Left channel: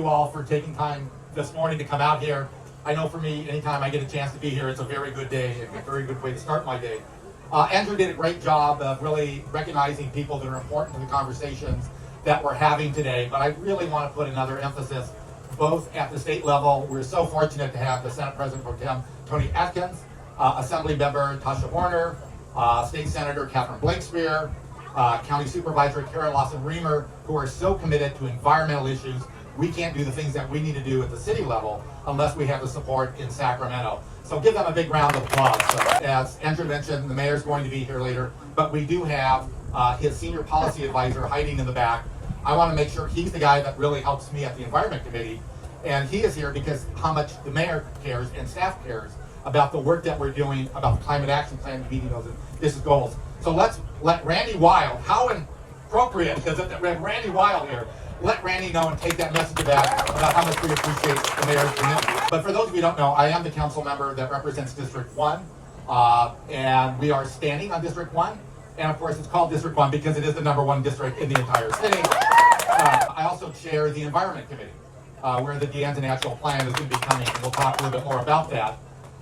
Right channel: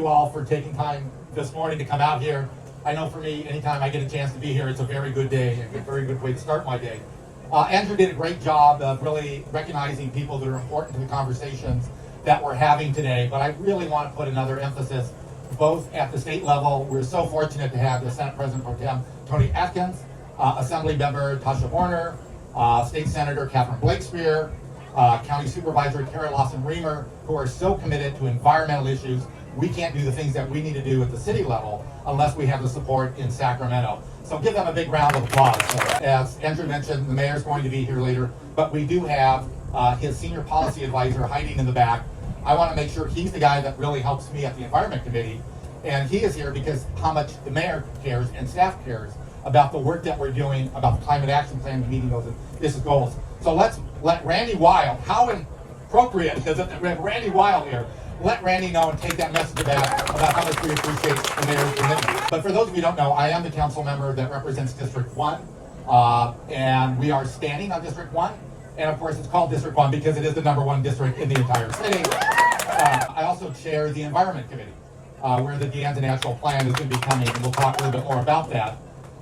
you all for taking time this morning to come out here. I know for me, anytime I get a chance to be here, it's a very good day, a very good way to start my day. Andrew did a great job of really recognizing people that are important to the conversations that we're having today, but I really want to put another emphasis both at the state level. We're so fortunate to have the Senate President Pro Tem Tony Atkins, Assembly Member Tasha Horner, State Senator Catherine Blakespear, County Supervisor Kara Lawson-Reamer, who are so committed to environmental issues. We can't do the things that we need to do at the city level unless we have the support in Sacramento. So give them a big round of applause. As Andrew mentioned, the mayor's going to be here later, but we do have his senior policy advisor hiding in the back. I want to make sure he's the guy that really helps me at the Environment Committee, and he is here because how much the mayor cares and staff cares about the work that we're doing about the climate action plan, meeting those ambitious goals. So let's let Randy Wild, how appropriate, because we have Randy Wild here, let Randy know and take that message about how much we appreciate the mayor's commitment. But for those of you who don't know, I am the council member that represents District 1, and we are standing on District 1. And of course, it's called District 1 because it is the #1 district in the entire city. I also chair the Environment Committee, where the De Anza Natural Plan is going to be coming, and we'll talk a little bit more about that.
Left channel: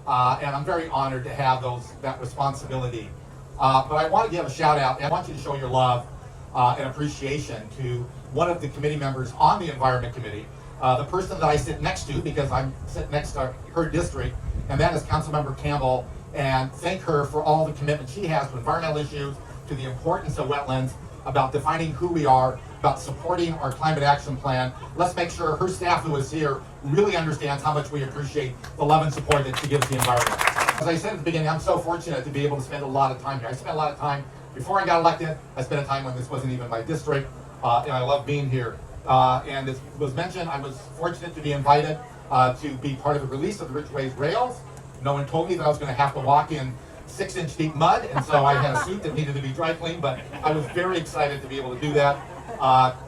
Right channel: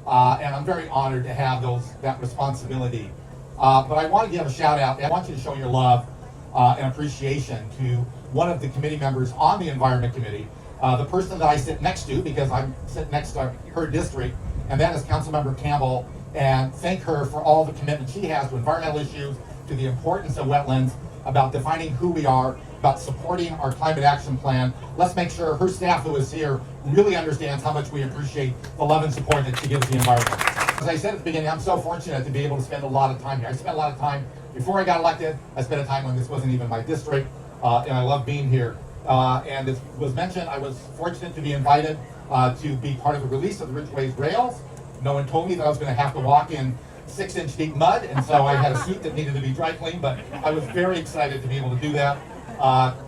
And I'm very honored to have that responsibility. But I want to give a shout out. I want you to show your love and appreciation to one of the committee members on the Environment Committee, the person that I sit next to because I'm sitting next to her district, and that is Councilmember Campbell. And thank her for all the commitment she has to environmental issues, to the importance of wetlands, about defining who we are, about supporting our climate action plan. Let's make sure her staff who is here really understands how much we appreciate the love and support that she gives the environment. As I said at the beginning, I'm so fortunate to be able to spend a lot of time here. I spent a lot of time before I got elected. I spent a time when this wasn't even my district, and I love being here. And as was mentioned, I was fortunate to be invited to be part of the release of the Ridgeways rails. No one told me that I was going to have to walk in 6-inch deep mud, and so I had a suit that needed to be dry cleaned, but I was very excited to be able to do that.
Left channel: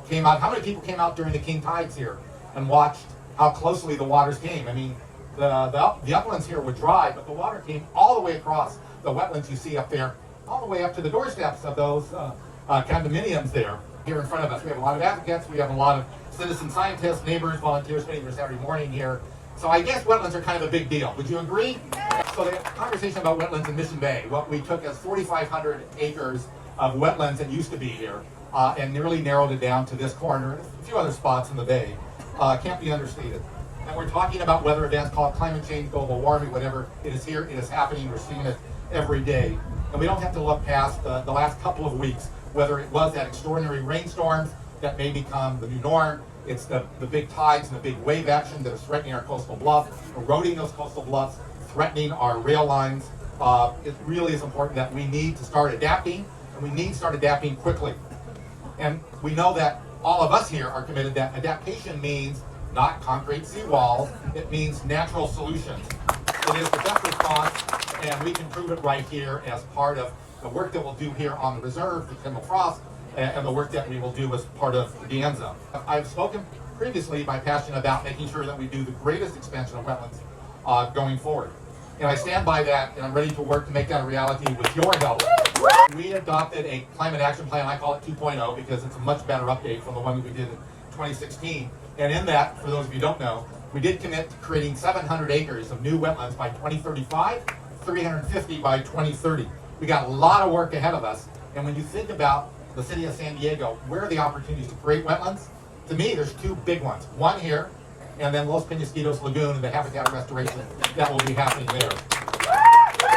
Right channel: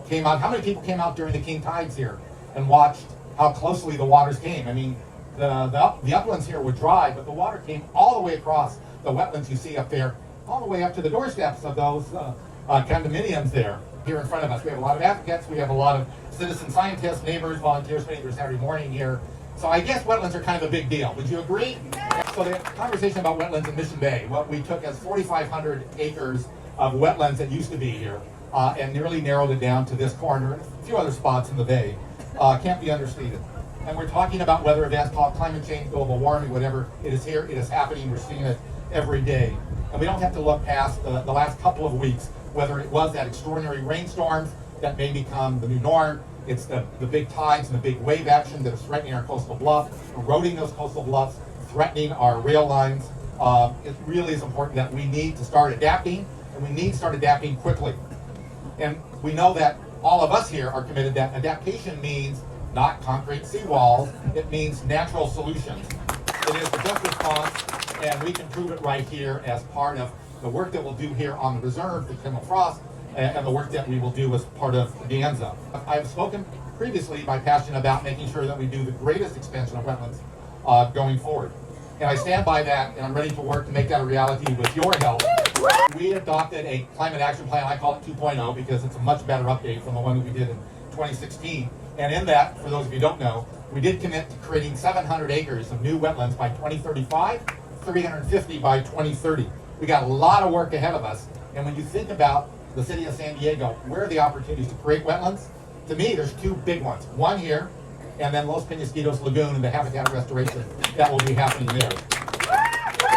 Came out. How many people came out during the king tides here and watched how closely the waters came? I mean, the uplands here were dry, but the water came all the way across the wetlands you see up there, all the way up to the doorsteps of those condominiums there here in front of us. We have a lot of advocates. We have a lot of citizen scientists, neighbors, volunteers spending their Saturday morning here. So I guess wetlands are kind of a big deal. Would you agree? So the conversation about wetlands in Mission Bay, what we took as 4,500 acres of wetlands that used to be here, and nearly narrowed it down to this corner, a few other spots in the bay, can't be understated. And we're talking about weather events called climate change, global warming, whatever. It is here, it is happening, we're seeing it every day. And we don't have to look past the last couple of weeks, whether it was that extraordinary rainstorms that may become the new norm. It's the big tides and the big wave action that is threatening our coastal bluffs, eroding those coastal bluffs, threatening our rail lines. It really is important that we need to start adapting, and we need to start adapting quickly. And we know that all of us here are committed that adaptation means not concrete seawalls, it means natural solutions. It is the best response, and we can prove it right here as part of the work that we'll do here on the reserve with Tim Frost, and the work that we will do as part of De Anza. I've spoken previously by passion about making sure that we do the greatest expansion of wetlands going forward. And I stand by that, and I'm ready to work to make that a reality with your help. We adopted a climate action plan, I call it 2.0, because it's a much better update from the one that we did in 2016. And in that, for those of you who don't know, we did commit to creating 700 acres of new wetlands by 2035, 350 by 2030. We got a lot of work ahead of us, and when you think about the city of San Diego, where are the opportunities to create wetlands? To me, there's two big ones. One here, and then Los Penasquitos Lagoon and the habitat restoration that will be happening there.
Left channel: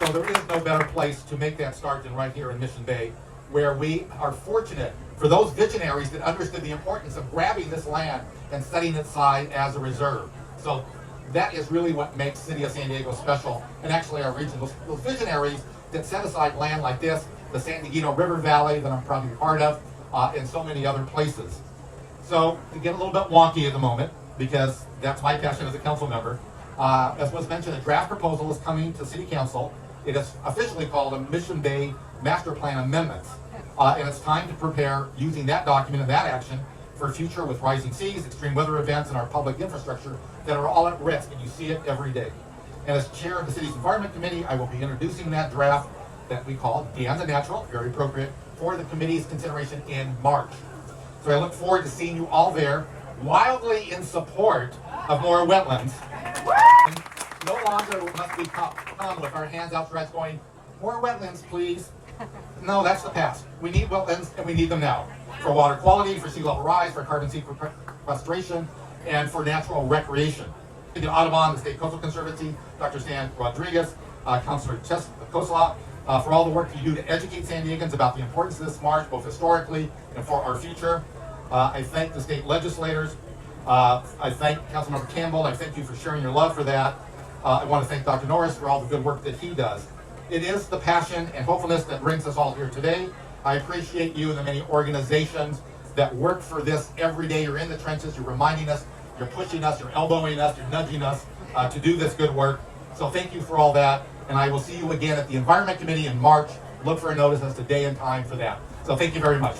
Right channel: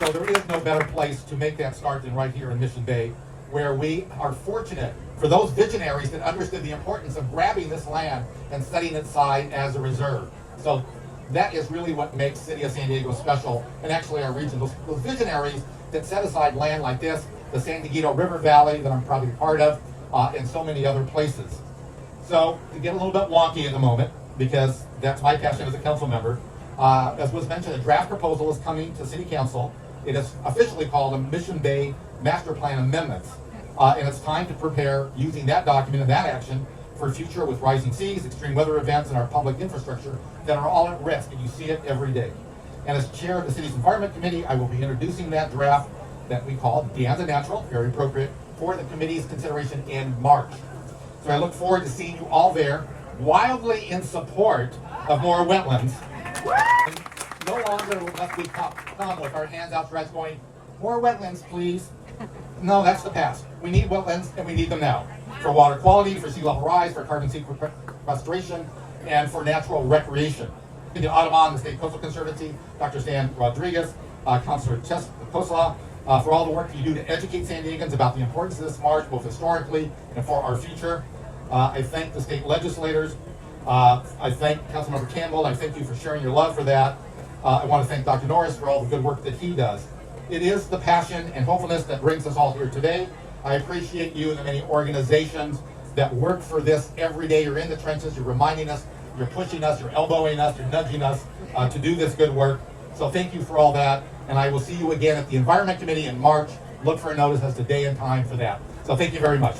So there is no better place to make that start than right here in Mission Bay, where we are fortunate for those visionaries that understood the importance of grabbing this land and setting it aside as a reserve. So that is really what makes City of San Diego special, and actually our region. Those visionaries that set aside land like this, the San Diego River Valley that I'm probably part of, and so many other places. So to get a little bit wonky at the moment, because that's my passion as a council member, as was mentioned, a draft proposal is coming to City Council. It is officially called a Mission Bay Master Plan Amendments. And it's time to prepare using that document and that action for a future with rising seas, extreme weather events, and our public infrastructure that are all at risk, and you see it every day. And as chair of the city's Environment Committee, I will be introducing that draft that we call De Anza Natural, very appropriate, for the committee's consideration in March. So I look forward to seeing you all there. wildly in support of more wetlands. And no longer must we come with our hands outstretched going, more wetlands, please. No, that's the past. We need wetlands, and we need them now. For water quality, for sea level rise, for carbon sequestration, and for natural recreation. The Audubon, the State Coastal Conservancy, Dr. Stan Rodriguez, Councilor Kosla, for all the work you do to educate San Diegans about the importance of this marsh, both historically and for our future. I thank the state legislators. I thank Councilmember Campbell. I thank you for sharing your love for that. I want to thank Dr. Norris for all the good work that he does. It is the passion and hopefulness that brings us all here today. I appreciate you and the many organizations that work for this every day. You're in the trenches, you're reminding us, you're pushing us, you're elbowing us, you're nudging us to do this good work. So thank you for all that, and I will see you again at the Environment Committee in March. Look for a notice as to day and time for that. So thank you very much.